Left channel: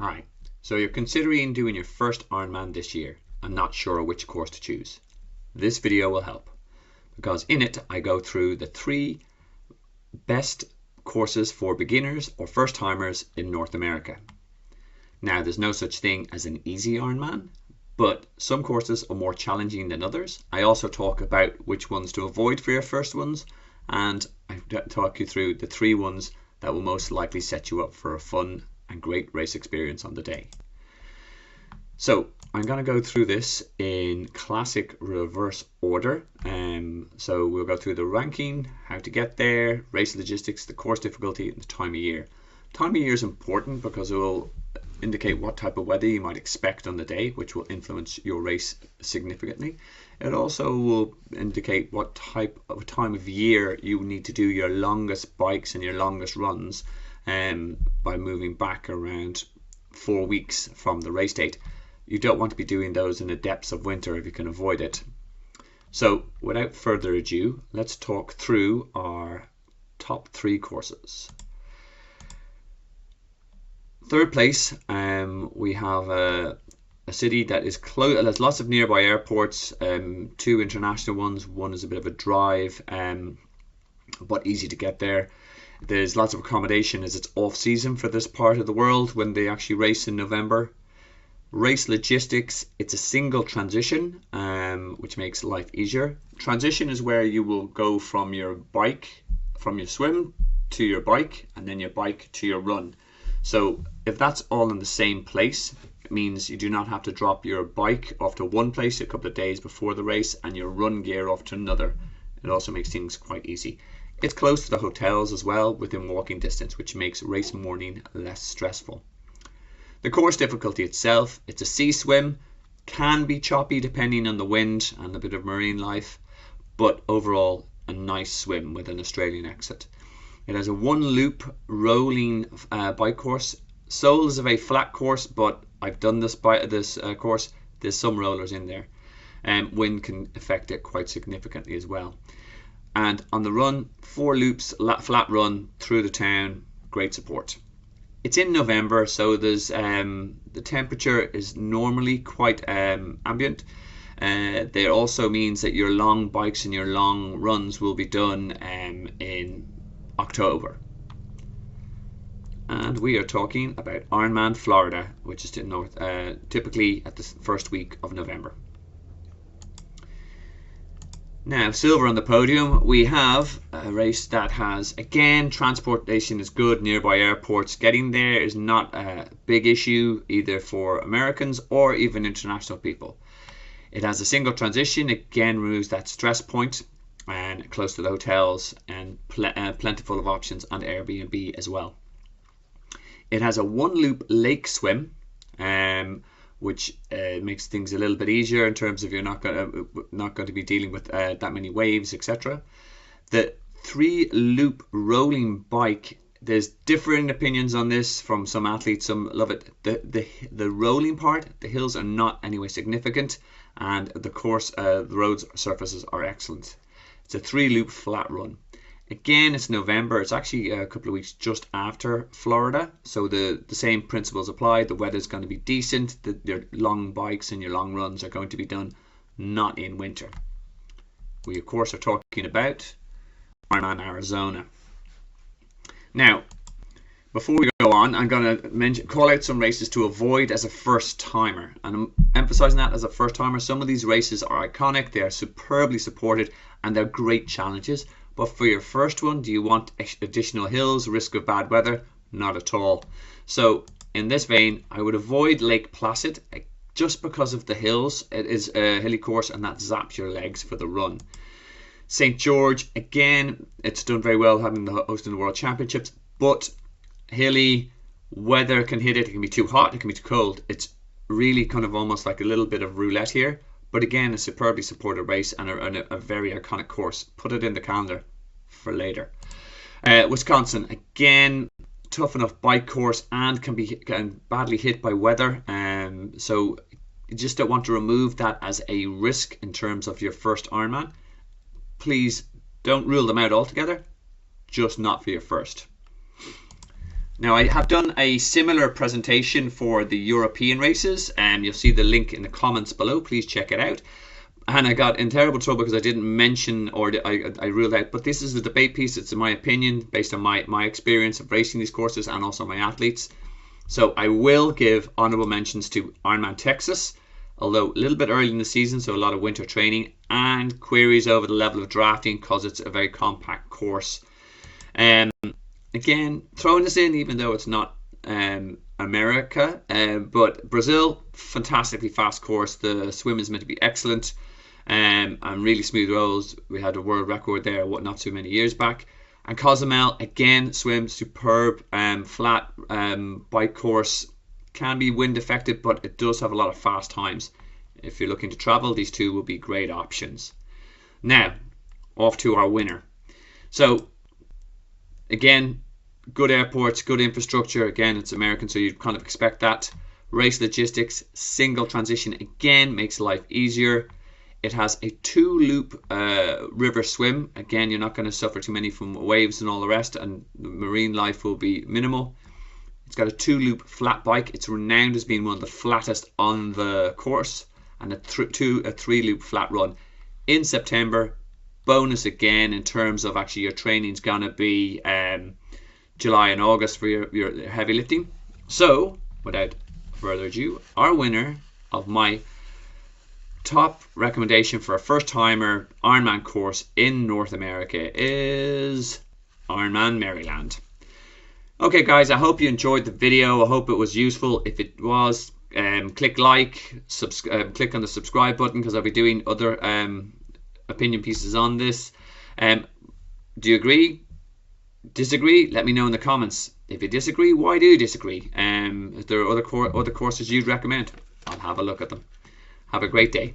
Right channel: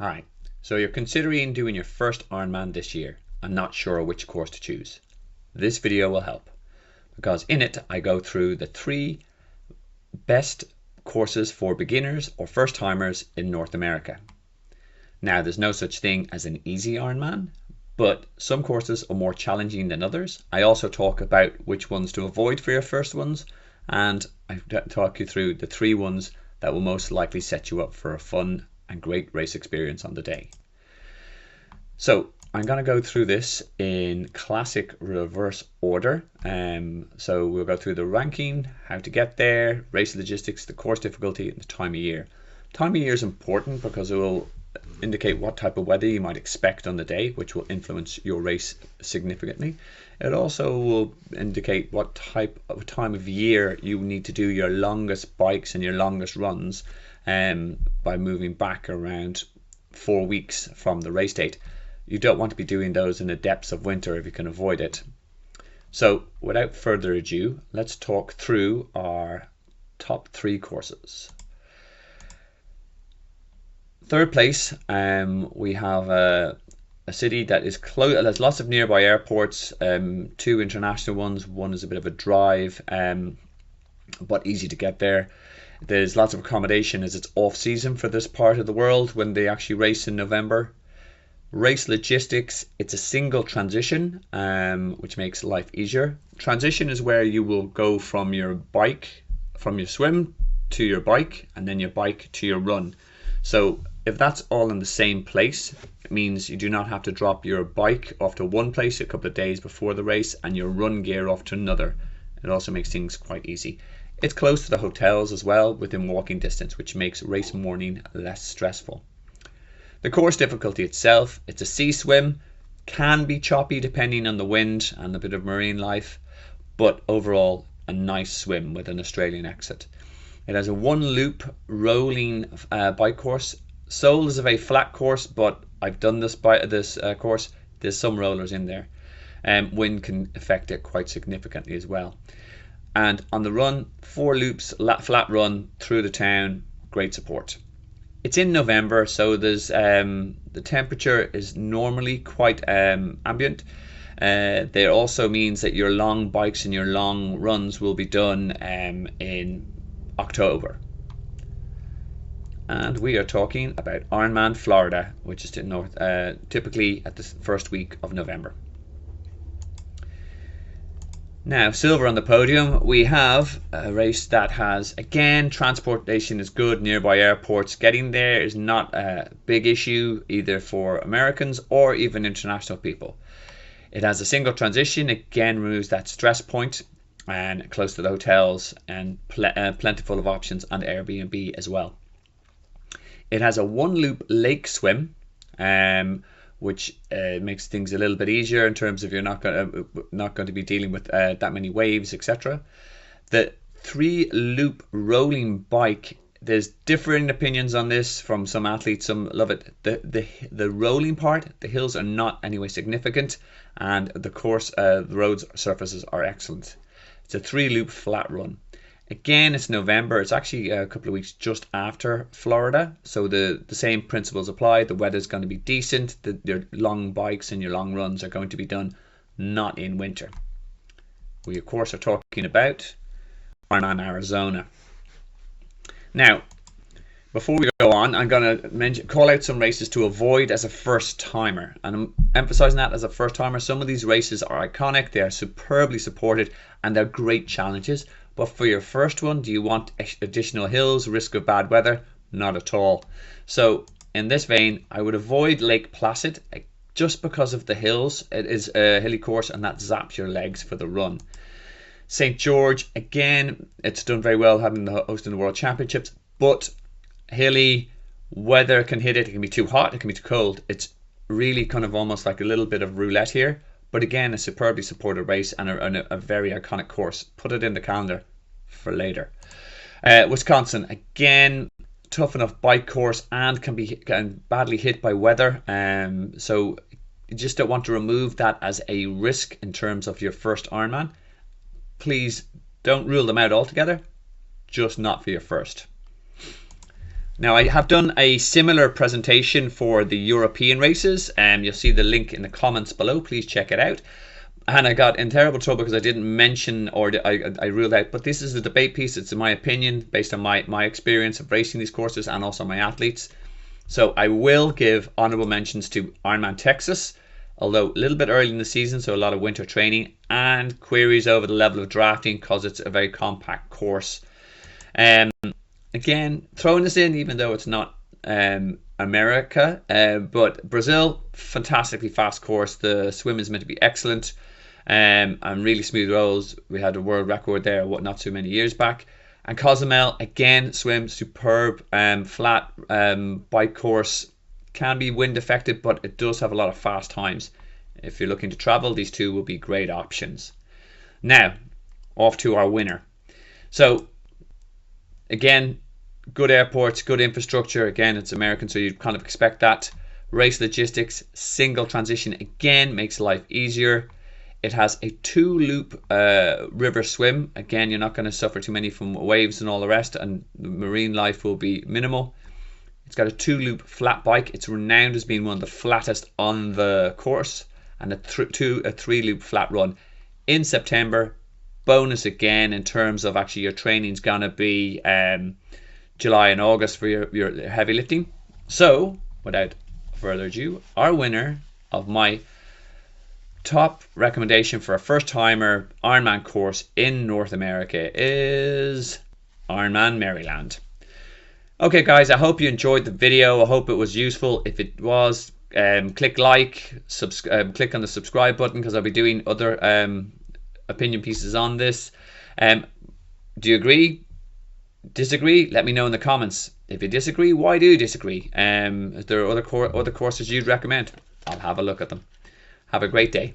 Alright, so you're considering doing your first Ironman this year and not sure which course to choose. This video will help, because in it I go through the 3 best courses for beginners or first timers in North America. Now, there's no such thing as an easy Ironman, but some courses are more challenging than others. I also talk about which ones to avoid for your first ones, and I talk you through the 3 ones that will most likely set you up for a fun and great race experience on the day. So I'm going to go through this in classic reverse order. So we'll go through the ranking, how to get there, race logistics, the course difficulty, and the time of year. Time of year is important because it will indicate what type of weather you might expect on the day, which will influence your race significantly. It also will indicate what type of time of year you need to do your longest bikes and your longest runs, by moving back around 4 weeks from the race date. You don't want to be doing those in the depths of winter if you can avoid it. So without further ado, let's talk through our top 3 courses. Third place, we have a city that is close. There's lots of nearby airports, 2 international ones. One is a bit of a drive, but easy to get there. There's lots of accommodation as it's off season for this part of the world when they actually race in November. Race logistics, it's a single transition, which makes life easier. Transition is where you will go from your swim to your bike, and then your bike to your run. So if that's all in the same place, it means you do not have to drop your bike off to one place a couple of days before the race and your run gear off to another. It also makes things quite easy. It's close to the hotels as well, within walking distance, which makes race morning less stressful. The course difficulty itself, it's a sea swim, can be choppy depending on the wind and a bit of marine life, but overall a nice swim with an Australian exit. It has a 1 loop rolling bike course. Seoul is a very flat course, but I've done this course. There's some rollers in there. Wind can affect it quite significantly as well. And on the run, 4 loops, flat run through the town, great support. It's in November, so there's the temperature is normally quite ambient. There also means that your long bikes and your long runs will be done in October. And we are talking about Ironman Florida, which is typically at the first week of November. Now, silver on the podium, we have a race that has, again, transportation is good, nearby airports. Getting there is not a big issue either for Americans or even international people. It has a single transition, again removes that stress point, and close to the hotels, and plentiful of options on Airbnb as well. It has a 1 loop lake swim, which makes things a little bit easier in terms of you're not going to be dealing with that many waves, etc. The 3 loop rolling bike, there's differing opinions on this from some athletes. Some love it. The rolling part, the hills are not anyway significant, and the course, the roads surfaces are excellent. It's a 3 loop flat run. Again, it's November. It's actually a couple of weeks just after Florida, so the same principles apply. The weather's going to be decent. Your long bikes and your long runs are going to be done not in winter. We, of course, are talking about Ironman Arizona. Now, before we go on, I'm going to call out some races to avoid as a first timer, and I'm emphasizing that as a first timer. Some of these races are iconic. They are superbly supported, and they're great challenges. But for your first one, do you want additional hills, risk of bad weather? Not at all. So in this vein, I would avoid Lake Placid just because of the hills. It is a hilly course, and that zaps your legs for the run. St. George, again, it's done very well having the hosting the World Championships, but hilly, weather can hit it. It can be too hot, it can be too cold. It's really kind of almost like a little bit of roulette here. But again, a superbly supported race and a very iconic course. Put it in the calendar for later. Wisconsin, again, tough enough bike course and can be badly hit by weather. So you just don't want to remove that as a risk in terms of your first Ironman. Please don't rule them out altogether, just not for your first. Now I have done a similar presentation for the European races, and you'll see the link in the comments below. Please check it out. And I got in terrible trouble because I didn't mention, or I ruled out, but this is a debate piece. It's in my opinion based on my experience of racing these courses and also my athletes. So I will give honorable mentions to Ironman Texas, although a little bit early in the season, so a lot of winter training, and queries over the level of drafting because it's a very compact course. Again, throwing this in even though it's not America, but Brazil, fantastically fast course. The swim is meant to be excellent, and really smooth rolls. We had a world record there not too many years back. And Cozumel, again, swim superb, flat bike course, can be wind affected, but it does have a lot of fast times. If you're looking to travel, these two will be great options. Now, off to our winner. So, again, good airports, good infrastructure. Again, it's American, so you kind of expect that. Race logistics, single transition, again, makes life easier. It has a 2-loop river swim. Again, you're not going to suffer too many from waves and all the rest, and the marine life will be minimal. It's got a 2-loop flat bike. It's renowned as being one of the flattest on the course, and a 3-loop flat run in September. Bonus again in terms of actually your training's going to be July and August for your heavy lifting. So, without further ado, our winner of my top recommendation for a first-timer Ironman course in North America is Ironman Maryland. Okay guys, I hope you enjoyed the video. I hope it was useful. If it was, click like, click on the subscribe button because I'll be doing other opinion pieces on this. Do you agree? Disagree? Let me know in the comments. If you disagree, why do you disagree? If there are other courses you'd recommend, I'll have a look at them. Have a great day.